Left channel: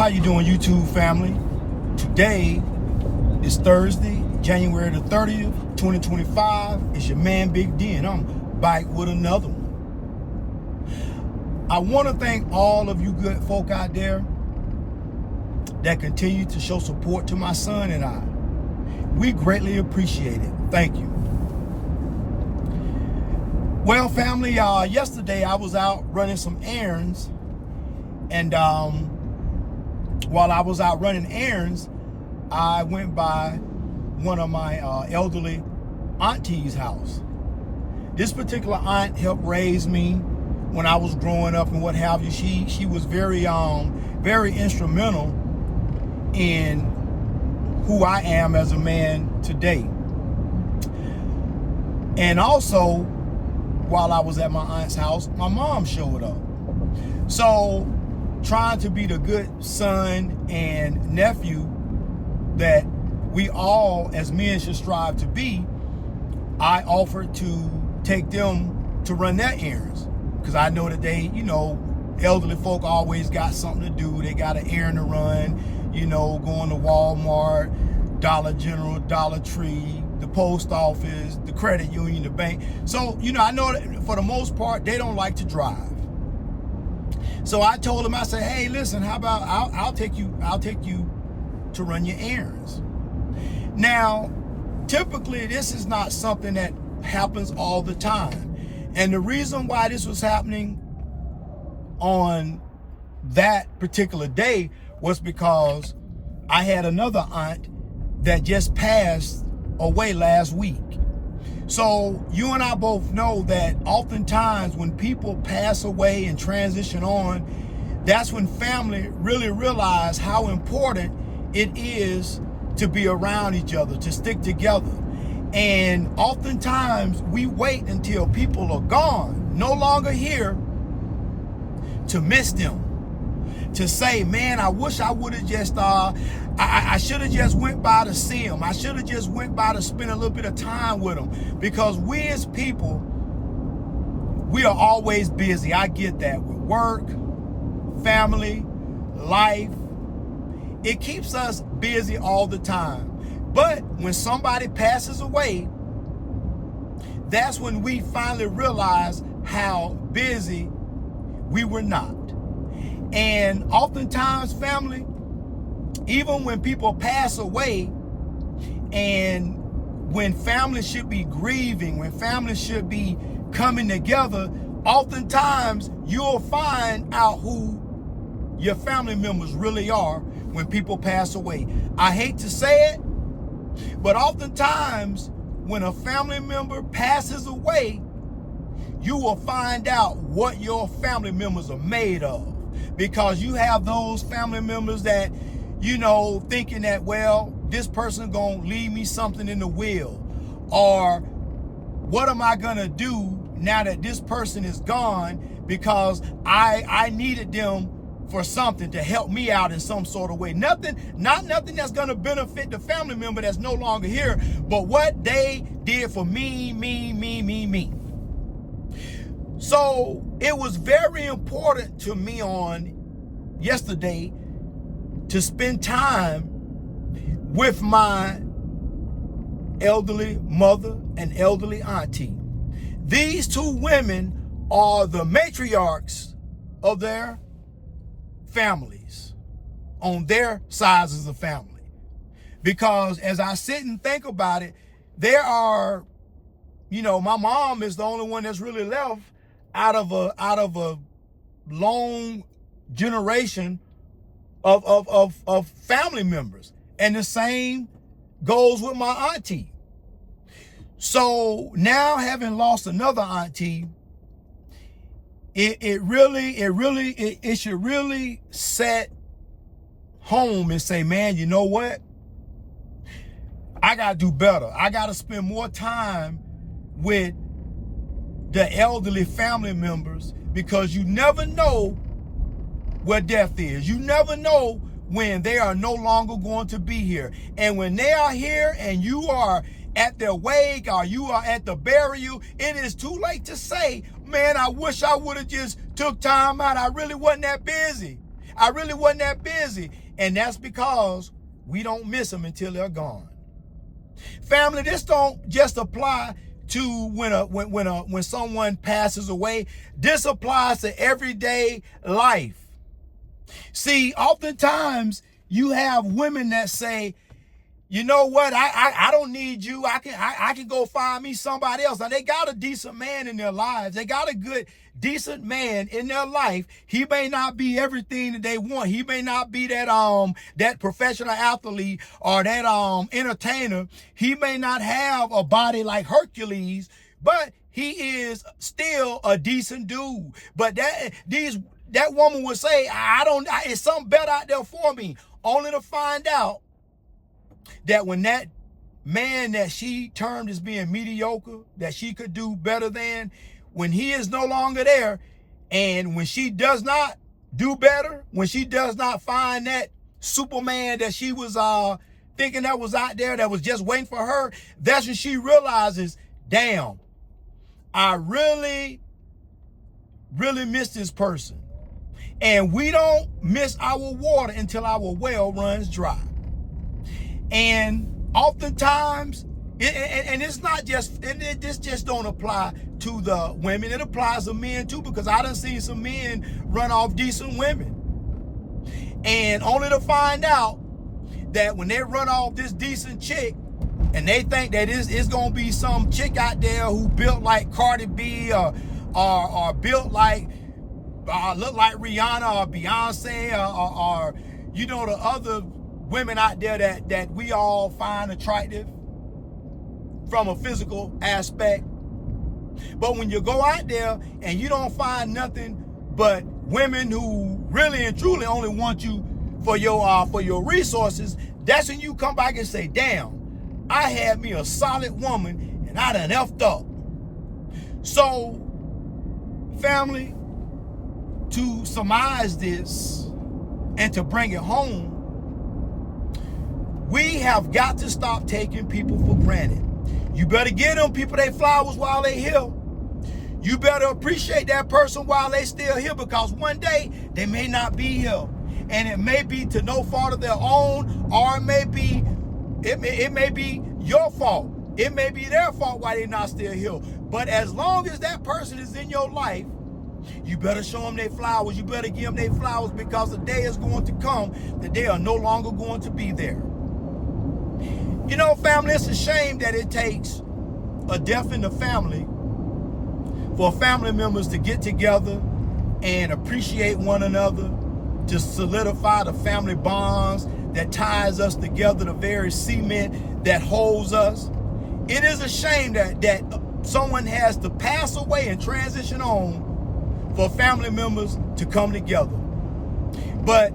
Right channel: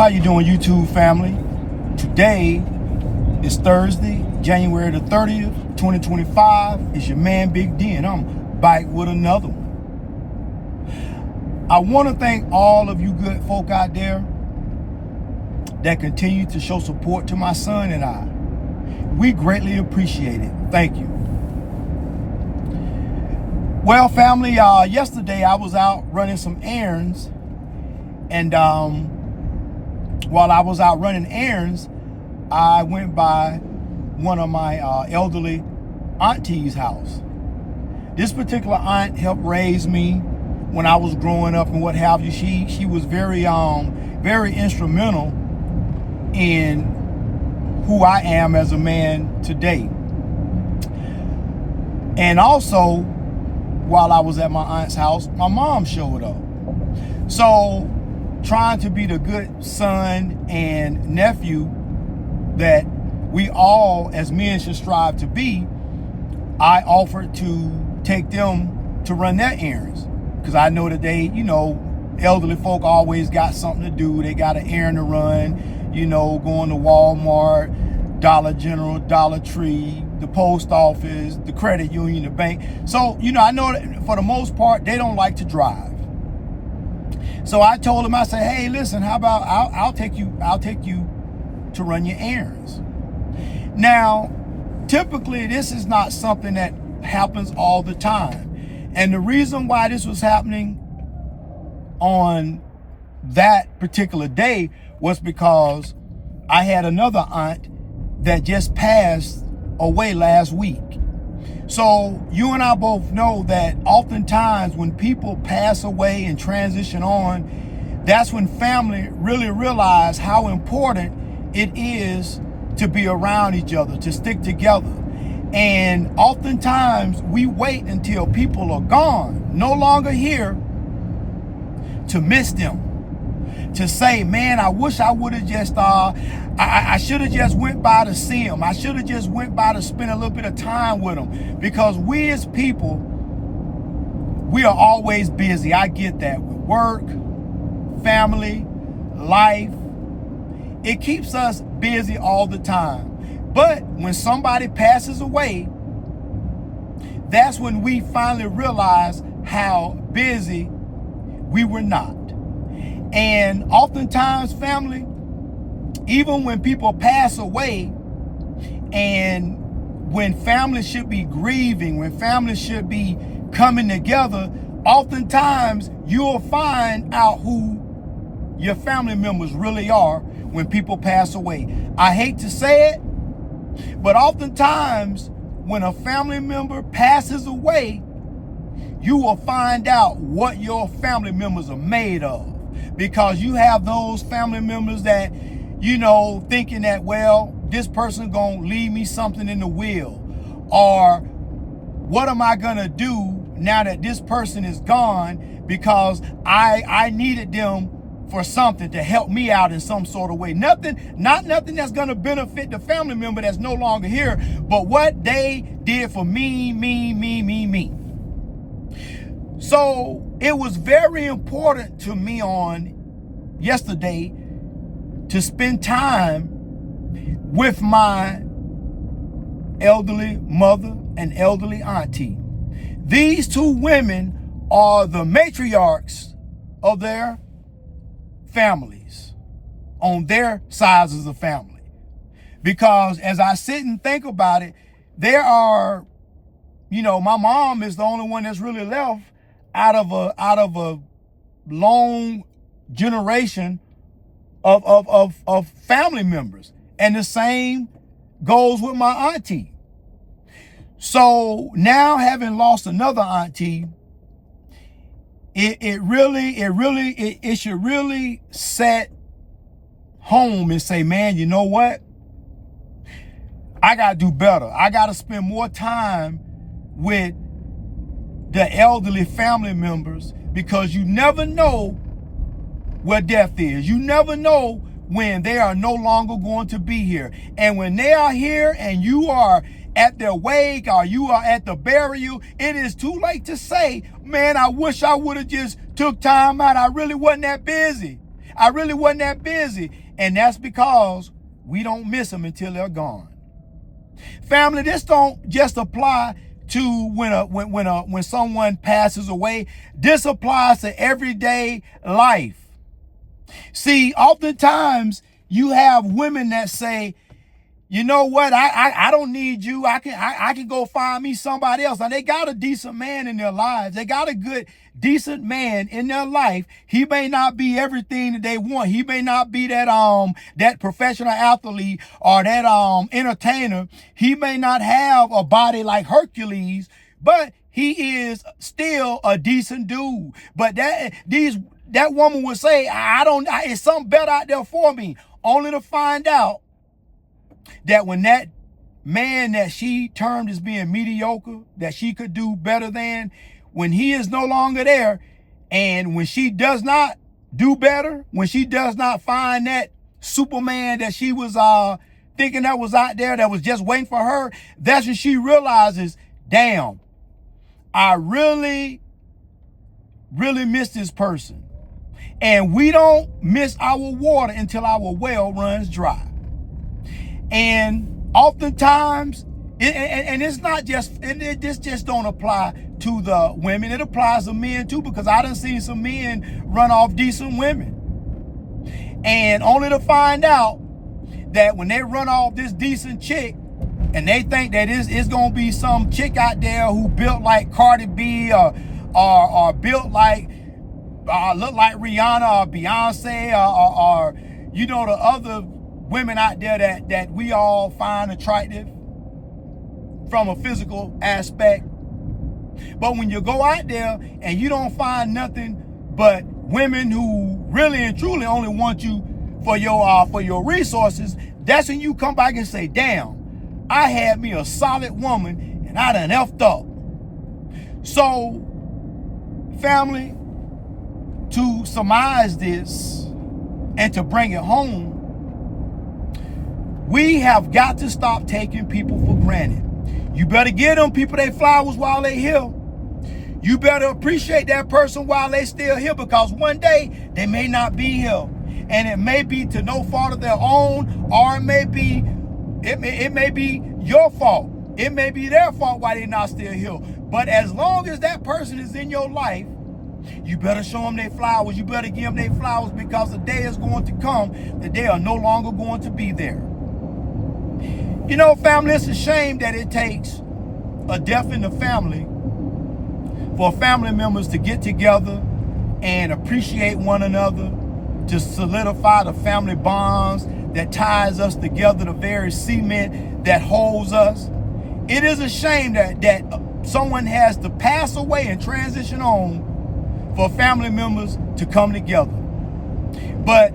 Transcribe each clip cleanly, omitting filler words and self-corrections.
How you doing, YouTube family? Today is Thursday, January the 30th, 2025. It's your man, Big D, and I'm back with another one. I want to thank all of you good folk out there that continue to show support to my son and I. We greatly appreciate it. Thank you. Well, family, yesterday I was out running some errands, and while I was out running errands, I went by one of my elderly auntie's house. This particular aunt helped raise me when I was growing up and what have you. She was very instrumental in who I am as a man today. And also, while I was at my aunt's house, my mom showed up. So, trying to be the good son and nephew that we all as men should strive to be, I offered to take them to run their errands. Because I know that they, elderly folk always got something to do. They got an errand to run, going to Walmart, Dollar General, Dollar Tree, the post office, the credit union, the bank. So, I know that for the most part, they don't like to drive. So I told him, I said, hey, listen, how about I'll take you to run your errands. Now, typically, this is not something that happens all the time. And the reason why this was happening on that particular day was because I had another aunt that just passed away last week. So you and I both know that oftentimes when people pass away and transition on, that's when family really realize how important it is to be around each other, to stick together. And oftentimes we wait until people are gone, no longer here, to miss them. To say, man, I wish I would have just, I should have just went by to see him. I should have just went by to spend a little bit of time with him. Because we as people, we are always busy. I get that with work, family, life. It keeps us busy all the time. But when somebody passes away, that's when we finally realize how busy we were not. And oftentimes, family, even when people pass away, and when family should be grieving, when family should be coming together, oftentimes you'll find out who your family members really are when people pass away. I hate to say it, but oftentimes when a family member passes away, you will find out what your family members are made of. Because you have those family members that, thinking that, well, this person gonna leave me something in the will. Or what am I gonna do now that this person is gone, because I needed them for something to help me out in some sort of way. Not nothing that's gonna benefit the family member that's no longer here, but what they did for me. So it was very important to me on yesterday to spend time with my elderly mother and elderly auntie. These two women are the matriarchs of their families, on their sides of the family. Because as I sit and think about it, there are, my mom is the only one that's really left out of a long generation of family members. And the same goes with my auntie. So now, having lost another auntie, it should really set home and say, man, you know what? I gotta do better. I gotta spend more time with the elderly family members, because you never know where death is. You never know when they are no longer going to be here. And when they are here and you are at their wake or you are at the burial, it is too late to say, man, I wish I would have just took time out. I really wasn't that busy. I really wasn't that busy. And that's because we don't miss them until they're gone. Family, this don't just apply to when someone passes away. This applies to everyday life. See, oftentimes you have women that say, you know what, I don't need you. I can go find me somebody else. Now, they got a decent man in their lives. They got a good, decent man in their life. He may not be everything that they want. He may not be that professional athlete or that entertainer. He may not have a body like Hercules, but he is still a decent dude. But that woman would say, it's something better out there for me, only to find out that when that man that she termed as being mediocre, that she could do better than, when he is no longer there, and when she does not do better, when she does not find that Superman that she was thinking that was out there, that was just waiting for her, that's when she realizes, damn, I really, really miss this person. And we don't miss our water until our well runs dry. And oftentimes, it's not just, this just don't apply to the women. It applies to men too, because I done seen some men run off decent women. And only to find out that when they run off this decent chick, and they think that it's going to be some chick out there who built like Cardi B or built like, look like Rihanna or Beyonce or you know, the other women out there that we all find attractive from a physical aspect. But when you go out there and you don't find nothing but women who really and truly only want you for your resources, that's when you come back and say, damn, I had me a solid woman and I done effed up. So, family, to surmise this and to bring it home, we have got to stop taking people for granted. You better give them people their flowers while they here. You better appreciate that person while they still here, because one day they may not be here. And it may be to no fault of their own, or it may be your fault. It may be their fault why they're not still here. But as long as that person is in your life, you better show them their flowers. You better give them their flowers, because the day is going to come that they are no longer going to be there. You know, family, it's a shame that it takes a death in the family for family members to get together and appreciate one another, to solidify the family bonds that ties us together, the very cement that holds us. It is a shame that someone has to pass away and transition on for family members to come together. But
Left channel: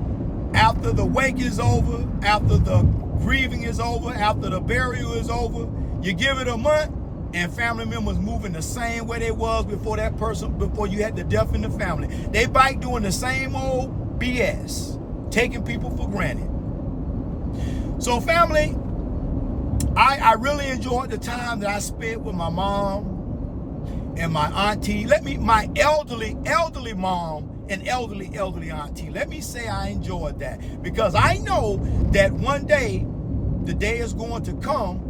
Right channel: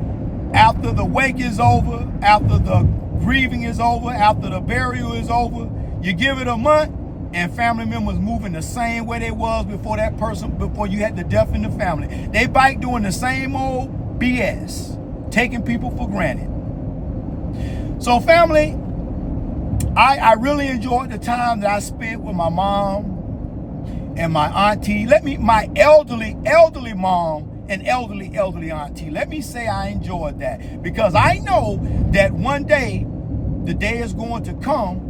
after the wake is over, after the grieving is over, after the burial is over, you give it a month and family members moving the same way they was before before you had the death in the family. They back doing the same old BS, taking people for granted. So family, I really enjoyed the time that I spent with my mom and my auntie. My elderly mom and elderly auntie. Let me say I enjoyed that, because I know that one day, the day is going to come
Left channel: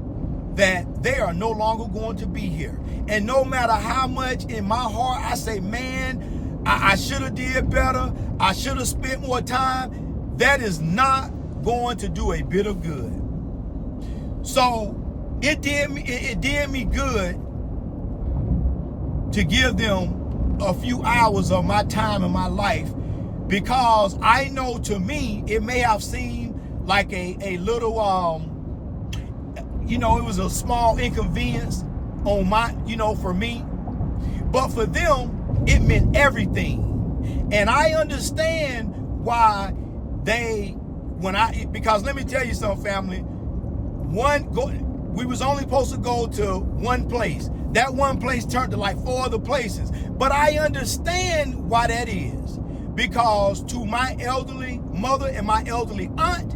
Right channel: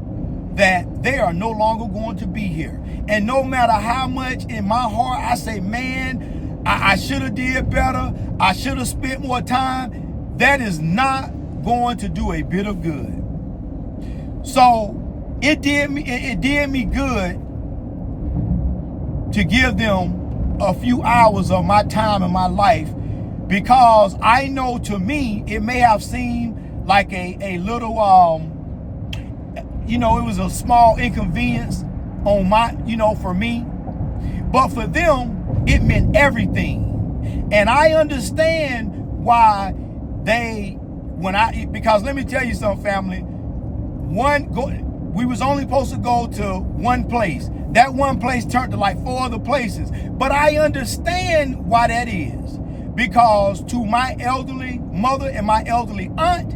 that they are no longer going to be here. And no matter how much in my heart I say, man, I should have did better, I should have spent more time, that is not going to do a bit of good. So it did me good to give them a few hours of my time in my life, because I know, to me, it may have seemed like a little, it was a small inconvenience on for me, but for them, it meant everything. And I understand why because let me tell you something, family. We was only supposed to go to one place. That one place turned to like 4 other places. But I understand why that is. Because to my elderly mother and my elderly aunt,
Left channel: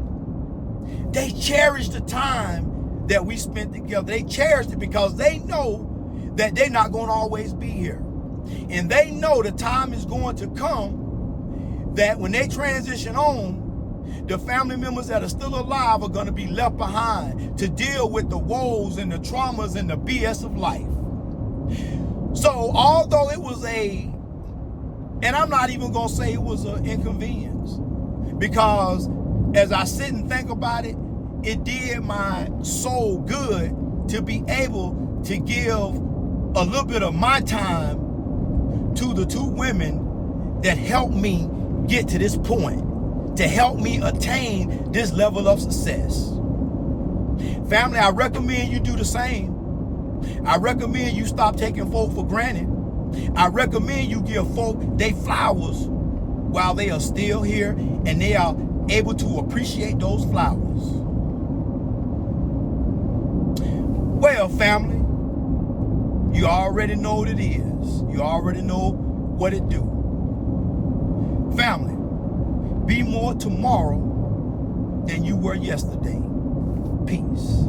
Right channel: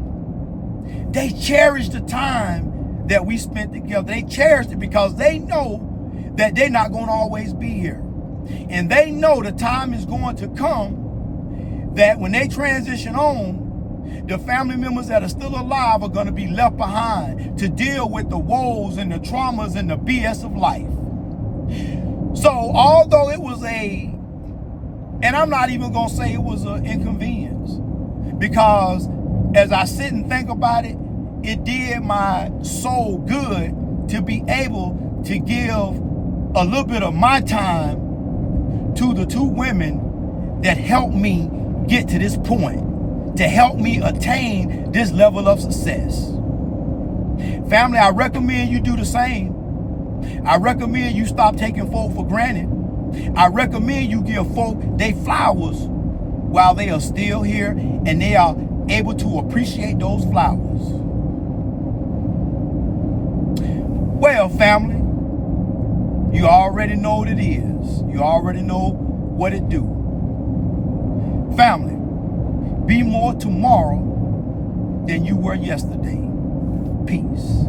they cherished the time that we spent together. They cherished it because they know that they're not going to always be here. And they know the time is going to come that when they transition on, the family members that are still alive are going to be left behind to deal with the woes and the traumas and the BS of life. So although it was and I'm not even going to say it was an inconvenience, because as I sit and think about it, it did my soul good to be able to give a little bit of my time to the two women that helped me get to this point, to help me attain this level of success. Family, I recommend you do the same. I recommend you stop taking folk for granted. I recommend you give folk their flowers while they are still here and they are able to appreciate those flowers. Well, family, you already know what it is. You already know what it do. Family, be more tomorrow than you were yesterday. Peace.